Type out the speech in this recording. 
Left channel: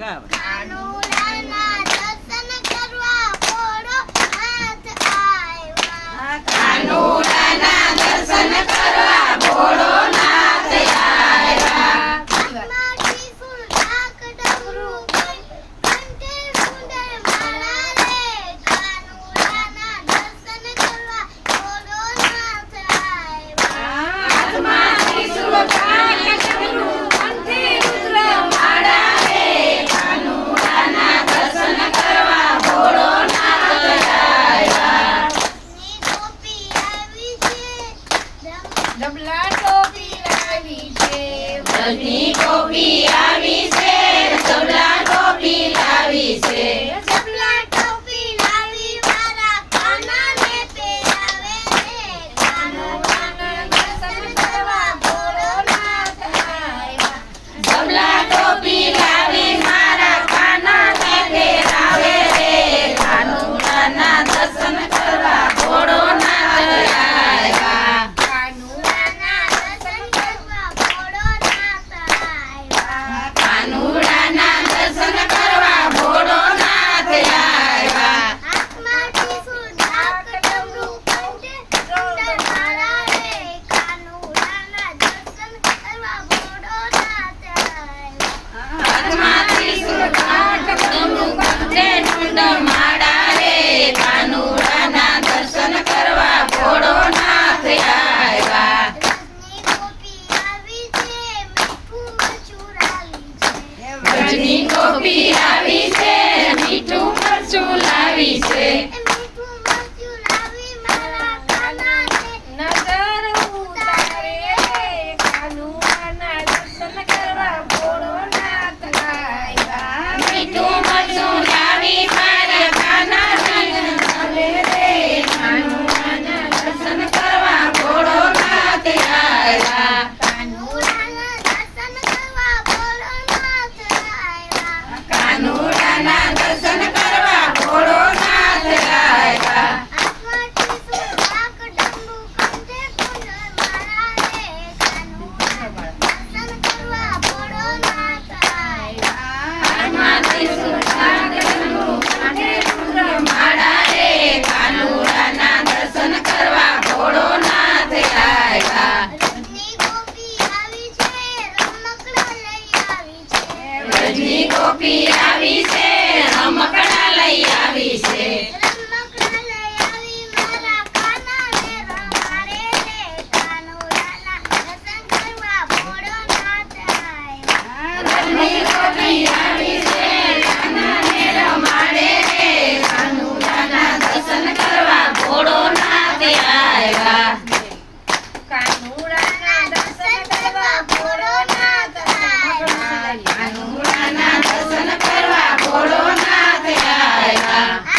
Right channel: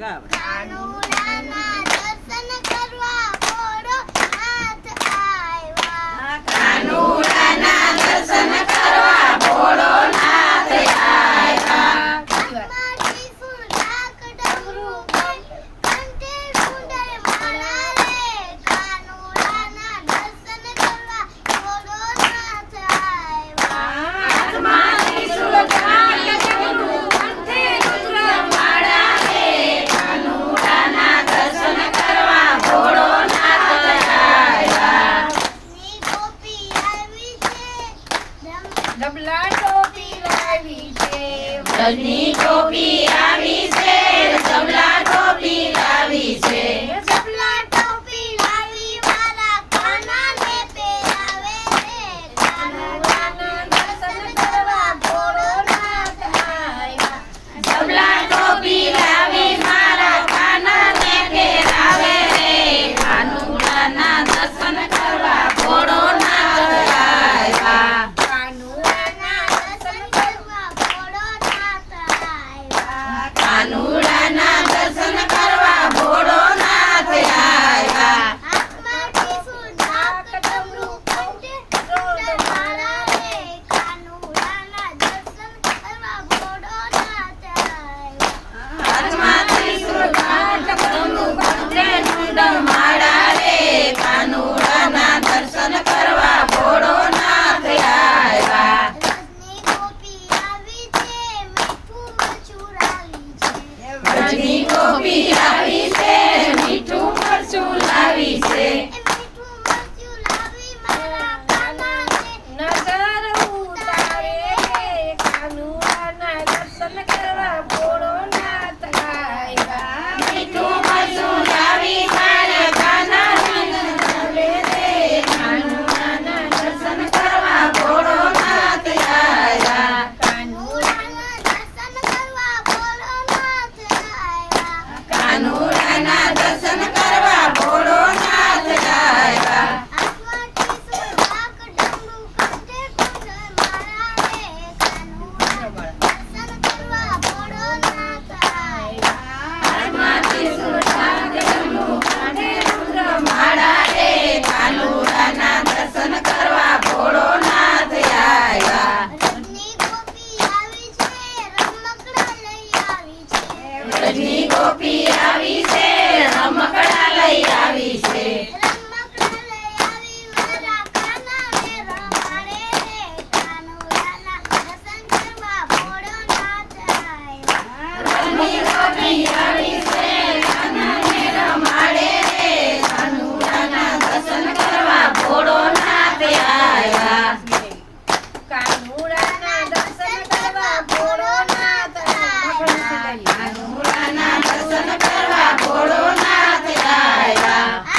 ગાવ કાનુડાના દર્શન કરવા ભોળોનાથ આવ્યા. કાનુડાના દર્શન કરવા ભોળોનાથ આવ્યા. હાથમાં ત્રિશૂળ, ઢાક, ડમરું, કંઠે સુંદર માળા રે. કાનુડાના દર્શન કરવા ભોળોનાથ આવ્યા. હાથમાં ત્રિશૂળ, ઢાક, ડમરું, કંઠે રુદ્રમાળા રે. કાનુડાના દર્શન કરવા ભોળોનાથ આવ્યા. ની ગોપી આવી છે, ડબલા ટોપી લાવી છે. વ્રજની ગોપી આવી છે. ડબલા ટોપી લાવી છે. ડબલા ટોપી લાવી મારા કાનાને પહેરાવે રે. કાનુડાના દર્શન કરવા ભોળોનાથ આવ્યા. ડબલા ટોપી લાવી મારા કાનાને પહેરાવે રે. કાનુડાના દર્શન કરવા ભોળોનાથ આવ્યા. કાનુડાના દર્શન કરવા ભોળોનાથ આવ્યા. કાનુડાના દર્શન કરવા ભોળોનાથ આવ્યા. હાથમાં ત્રિશૂળ, ઢાક, ડમરું, કંઠે સુંદર માળા રે. કાનુડાના દર્શન કરવા ભોળોનાથ આવ્યા. હાથમાં ત્રિશૂળ, ઢાક, ડમરું, કંઠે રુદ્રમાળા રે. કાનુડાના દર્શન કરવા ભોળોનાથ આવ્યા. રજની ગોપી આવી છે, મીઠું મરચું લાવી છે. વ્રજની ગોપી આવી છે. મીઠું મરચું લાવી છે. એ મીઠું મરચું લાવી મારા કાનાને નજર ઉતારે રે. કાનુડાના દર્શન કરવા ભોળોનાથ આવ્યા. મીઠું મરચું લાવી મારા કાનાને નજરે રે. કાનુડાના દર્શન કરવા ભોળોનાથ આવ્યા. કાનુડાના દર્શન કરવા ભોળોનાથ આવ્યા. કાનુડાના દર્શન કરવા ભોળોનાથ આવ્યા. હાથમાં ત્રિશૂળ, ઢાક, ડમરું, કંઠે સુંદર માળા રે. કાનુડાના દર્શન કરવા ભોળોનાથ આવ્યા. હાથમાં ત્રિશૂળ, ઢાક, ડમરું, કંઠે રુદ્રમાળા રે. કાનુડાના દર્શન કરવા ભોળોનાથ આવ્યા. રજની ગોપી આવી છે, રમકડાં લઈ આવી છે. વ્રજની ગોપી આવી છે. રમકડાં લઈ આવી છે. રમકડાં લઈ આવી મારા કાનાને રમાડે રે. કાનુડાના દર્શન કરવા ભોળોનાથ આવ્યા. વ્રજની ગોપી આવી છે. કાનાને રમાડે રે. કાનુડાના દર્શન કરવા ભોળોનાથ આવ્યા. કાનુડાના દર્શન કરવા ભોળોનાથ આવ્યા. કાનુડાના દર્શન કરવા ભોળોનાથ આવ્યા.